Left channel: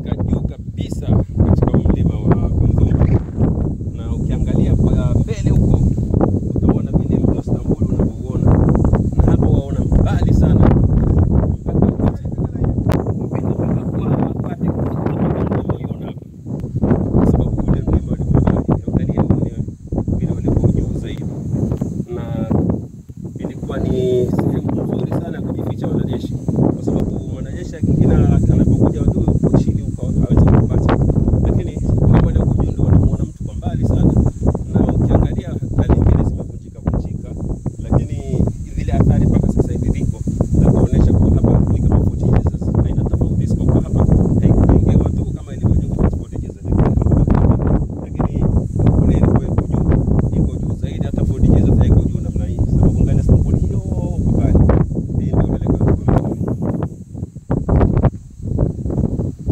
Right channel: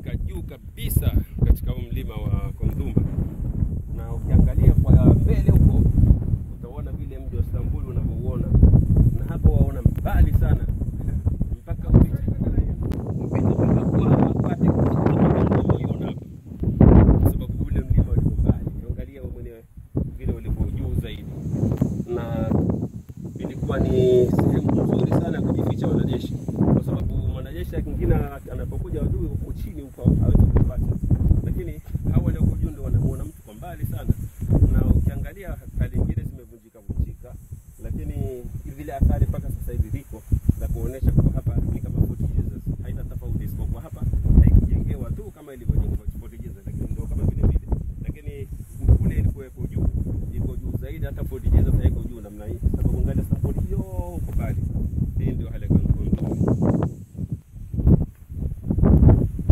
imefika juu kabisa katika mlima wa Uluguru. Na ukiangalia kwa mbele huko